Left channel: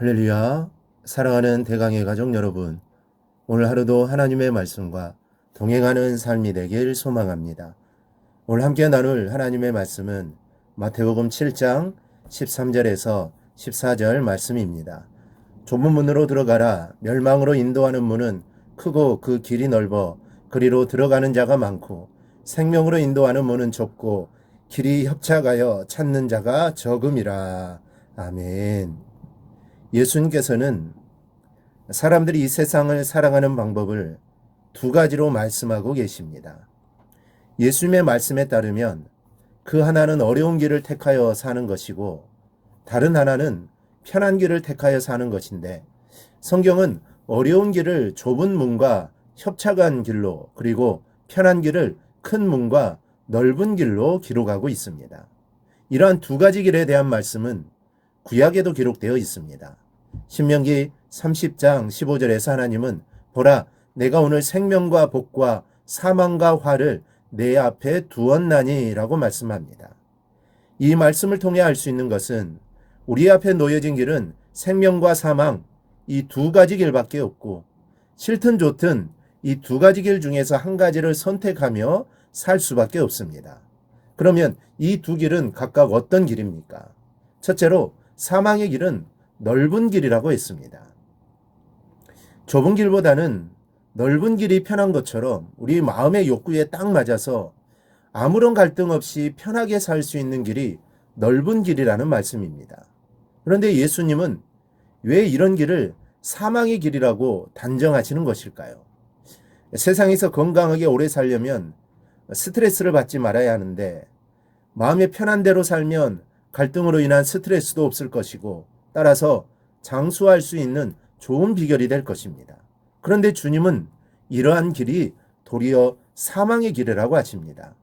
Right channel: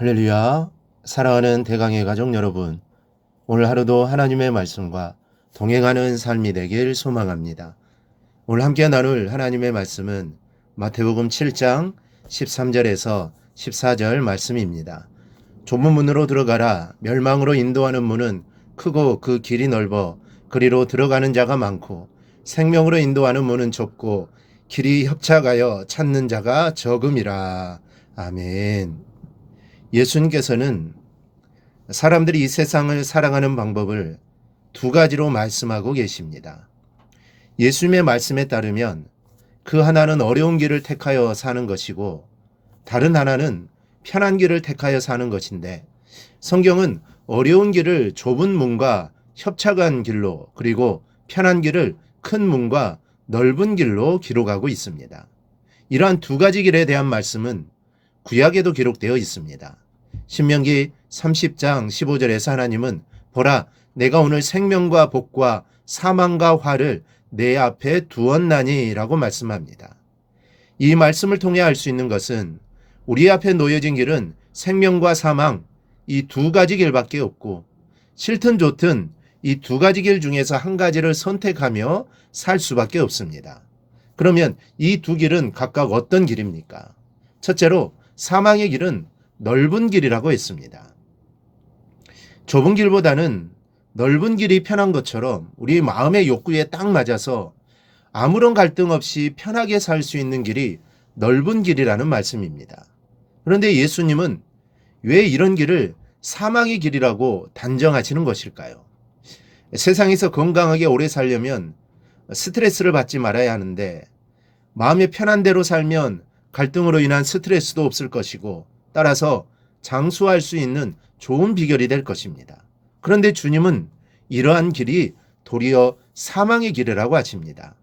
할렐루야. 사랑하는 대강의 가족 여러분. 오늘 하루도 하나님의 말씀과 동행하는 삶이 되길 소망합니다. 오늘 함께 나눌 하나님의 말씀은 마태복음 7장 13절에서 14절 말씀입니다. 좁은 문으로 들어가라. 멸망으로 인도하는 문은 크고 그 길이 넓어 그리로 들어가는 자가 많고 생명으로 인도하는 문은 좁고 길이 협착하여 찾는 자가 적음이라. 아멘. 예수님께서는 사람들이 이 세상을 살아가는 방법을 두 가지로 말씀하고 계십니다. 예수님의 말씀에 따르면 그 하나는 어려운 길을 택하여 사는 것이고 다른 하나는 편한 길을 택하여 사는 것인데 성경은 어려운 길을 좁은 문과 협착한 길로 그리고 편한 길을 큰 문과 넓은 길로 기록하고 있습니다. 이러한 두 가지 길에 대한 말씀은 구약에도 기록되어 있습니다. 신명기 30장 15절에서 하나님은 보라 내가 오늘 생명과 복과 사망과 화를 내 앞에 두었나니라고 말씀합니다. 이 말씀을 통해 알 수 있는 것은 우리 앞에 놓여진 길은 생명과 사망 이 두 가지 길밖에 없고 싫든 좋든 이 두 가지 길 중에서 한 가지를 선택하며 살 수밖에 없습니다. 그러면 이 두 길은 각각 어떤 길입니까? 첫째로 사망의 길은 넓은 길이라고 했습니다. 좁은 길보다는 넓은 길이 편한 것처럼 우리 마음의 욕구에 딱 맞아서 아무런 갈등 없이 편하게 살 수 있는 길이 넓은 길이라는 말씀입니다. 그런데 예수님은 왜 이런 길을 사망의 길이라고 단정하시는 것일까요? 세상에서 건강하게 오래 살려면 스트레스를 받지 말아야 하는데 마음의 편한 대로 살면 갈등으로 인한 스트레스도 없을 것이고 따라서 장수할 수 있는 좋은 비결이 될 것입니다. 그런데 주님은 이러한 길이 도리어 사망의 길이라고 하십니다.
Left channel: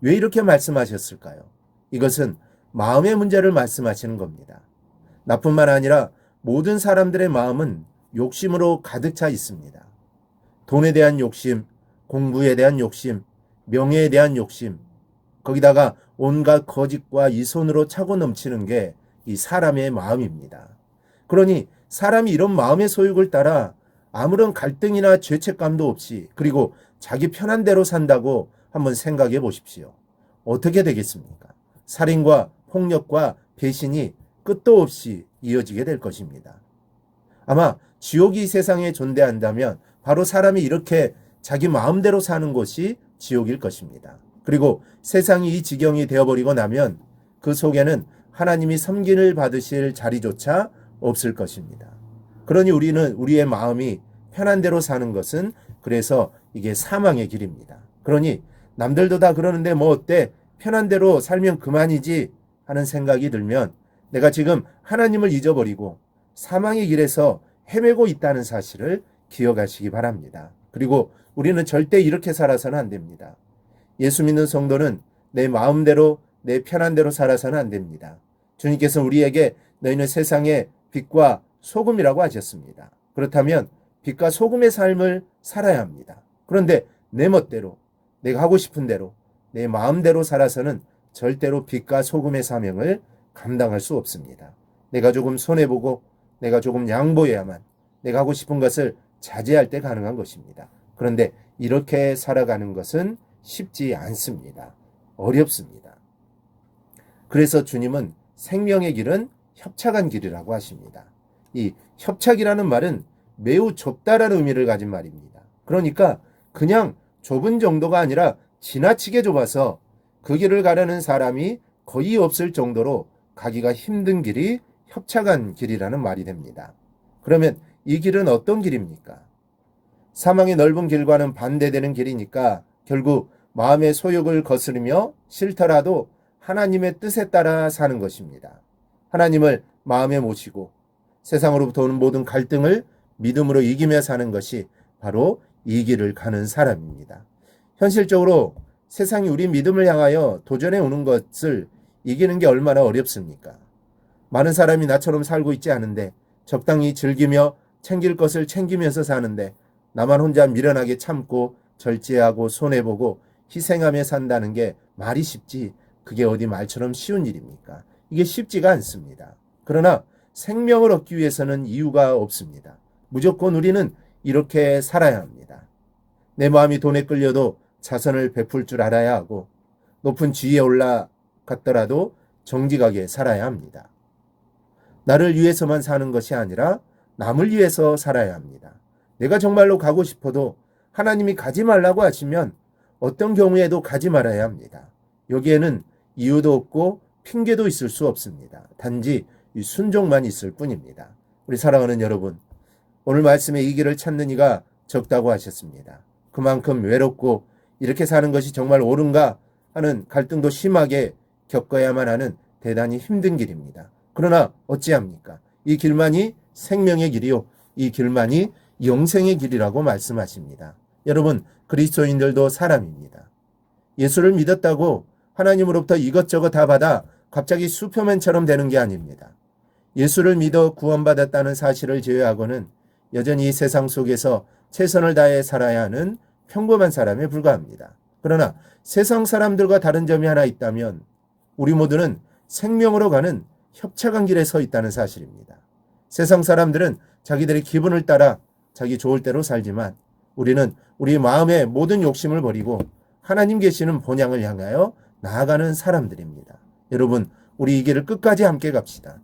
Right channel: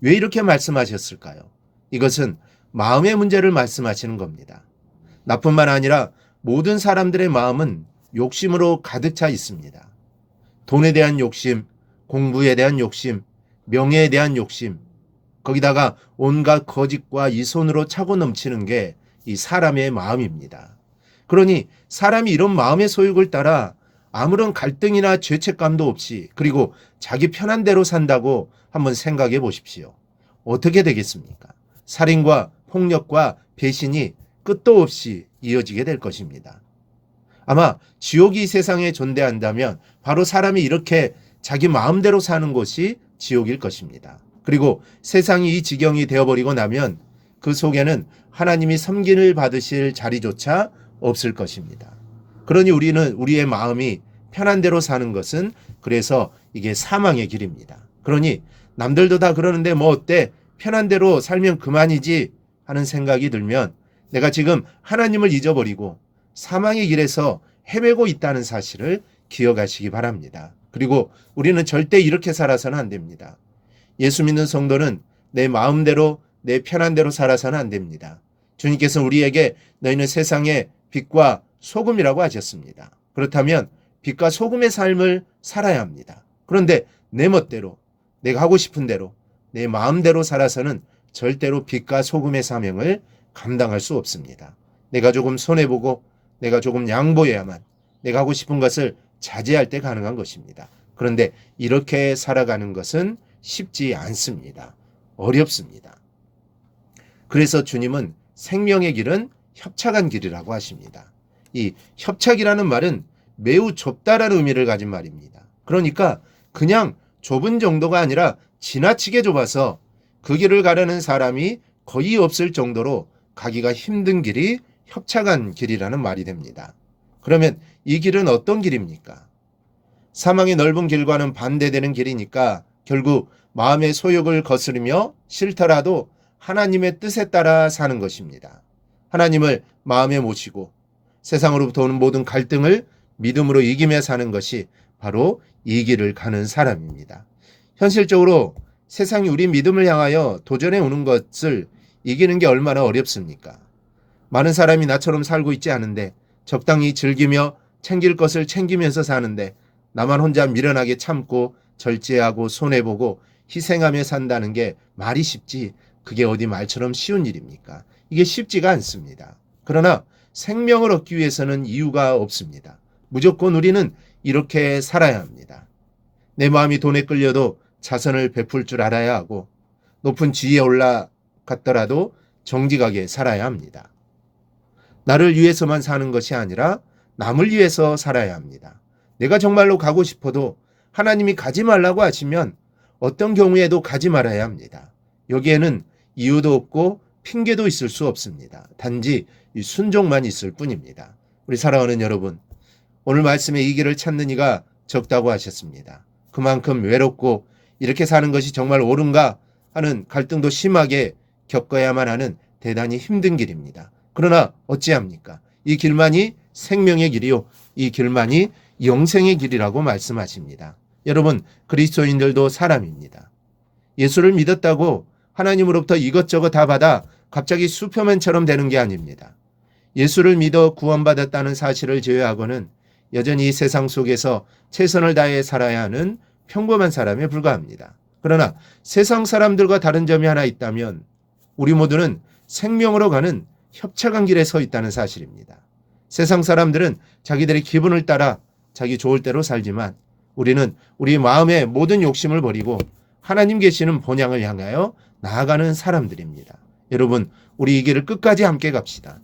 왜 이렇게 말씀하셨을까요? 이것은 마음의 문제를 말씀하시는 겁니다. 나뿐만 아니라 모든 사람들의 마음은 욕심으로 가득 차 있습니다. 돈에 대한 욕심, 공부에 대한 욕심, 명예에 대한 욕심, 거기다가 온갖 거짓과 이 손으로 차고 넘치는 게 이 사람의 마음입니다. 그러니 사람이 이런 마음의 소욕을 따라 아무런 갈등이나 죄책감도 없이 그리고 자기 편한 대로 산다고 한번 생각해 보십시오. 어떻게 되겠습니까? 살인과 폭력과 배신이 끝도 없이 이어지게 될 것입니다. 아마 지옥이 이 세상에 존재한다면 바로 사람이 이렇게 자기 마음대로 사는 것이 지옥일 것입니다. 그리고 세상이 이 지경이 되어버리고 나면 그 속에는 하나님이 섬긴을 받으실 자리조차 없을 것입니다. 그러니 우리는 우리의 마음이 편한 대로 사는 것은 그래서 이게 사망의 길입니다. 그러니 남들도 다 그러는데 뭐 어때? 편한 대로 살면 그만이지 하는 생각이 들면 내가 지금 하나님을 잊어버리고 사망의 길에서 헤매고 있다는 사실을 기억하시기 바랍니다. 그리고 우리는 절대 이렇게 살아서는 안 됩니다. 예수 믿는 성도는 내 마음대로 내 편한 대로 살아서는 안 됩니다. 주님께서 우리에게 너희는 세상의 빛과 소금이라고 하셨습니다. 그렇다면 빛과 소금의 삶을 살아야 합니다. 그런데 내 멋대로 내가 하고 싶은 대로 내 마음대로 살아서는 절대로 빛과 소금의 사명을 감당할 수 없습니다. 내가 조금 손해보고 내가 조금 양보해야만 내가 하고 싶은 것을 자제할 때 가능한 것입니다. 그런데 이렇게 살아가는 것은 쉽지 않습니다. 어렵습니다. 그래서 주님은 생명의 길은 협착한 길이라고 하십니다. 이 협착이라는 말은 매우 좁다라는 의미를 가진 말입니다. 그러니까 그냥 좁은 정도가 아니라 지나치게 좁아서 그 길을 가려는 사람이 거의 없을 정도로 가기가 힘든 길이 협착한 길이라는 말이 됩니다. 그러면 이 길은 어떤 길입니까? 사망의 넓은 길과는 반대되는 길이니까 결국 마음의 소욕을 거스르며 싫더라도 하나님의 뜻에 따라 사는 것입니다. 하나님을 마음에 모시고 세상으로부터 오는 모든 갈등을 믿음으로 이기며 사는 것이 바로 이 길을 가는 사람입니다. 현실적으로 세상이 우리 믿음을 향하여 도전해 오는 것을 이기는 게 얼마나 어렵습니까? 많은 사람이 나처럼 살고 있지 않은데 적당히 즐기며 챙길 것을 챙기면서 사는데 나만 혼자 미련하게 참고 절제하고 손해보고 희생하며 산다는 게 말이 쉽지 그게 어디 말처럼 쉬운 일입니까? 이게 쉽지가 않습니다. 그러나 생명을 얻기 위해서는 이유가 없습니다. 무조건 우리는 이렇게 살아야 합니다. 내 마음이 돈에 끌려도 자선을 베풀 줄 알아야 하고 높은 지위에 올라갔더라도 정직하게 살아야 합니다. 나를 위해서만 사는 것이 아니라 남을 위해서 살아야 합니다. 내가 정말로 가고 싶어도 하나님이 가지 말라고 하시면 어떤 경우에도 가지 말아야 합니다. 여기에는 이유도 없고 핑계도 있을 수 없습니다. 단지 이 순종만 있을 뿐입니다. 우리 사랑하는 여러분, 오늘 말씀에 이 길을 찾는 이가 적다고 하셨습니다. 그만큼 외롭고 이렇게 사는 것이 정말 옳은가 하는 갈등도 심하게 겪어야만 하는 대단히 힘든 길입니다. 그러나 어찌합니까? 이 길만이 생명의 길이요. 이 길만이 영생의 길이라고 말씀하십니다. 여러분, 그리스도인들도 사람입니다. 예수를 믿었다고 하나님으로부터 이것저것 다 받아 갑자기 슈퍼맨처럼 되는 게 아닙니다. 예수를 믿어 구원받았다는 사실을 제외하고는 여전히 이 세상 속에서 최선을 다해 살아야 하는 평범한 사람에 불과합니다. 그러나 세상 사람들과 다른 점이 하나 있다면 우리 모두는 생명으로 가는 협착한 길에 서 있다는 사실입니다. 세상 사람들은 자기들의 기분을 따라 자기 좋을 대로 살지만 우리는 우리 마음의 모든 욕심을 버리고 하나님 계시는 본향을 향하여 나아가는 사람들입니다. 여러분, 우리 이 길을 끝까지 함께 갑시다.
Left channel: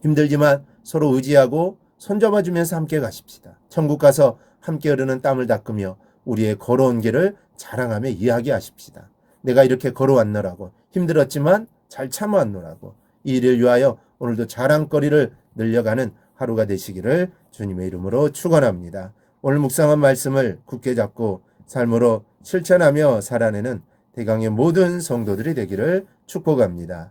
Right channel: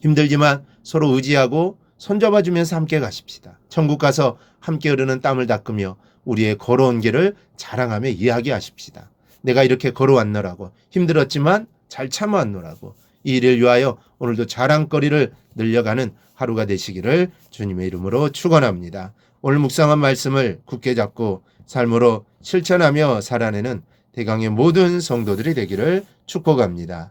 힘들지만 서로 의지하고 손잡아 주면서 함께 가십시다. 천국 가서 함께 흐르는 땀을 닦으며 우리의 걸어온 길을 자랑하며 이야기하십시다. 내가 이렇게 걸어왔노라고 힘들었지만 잘 참아왔노라고 이 일을 위하여 오늘도 자랑거리를 늘려가는 하루가 되시기를 주님의 이름으로 축원합니다. 오늘 묵상한 말씀을 굳게 잡고 삶으로 실천하며 살아내는 대강의 모든 성도들이 되기를 축복합니다.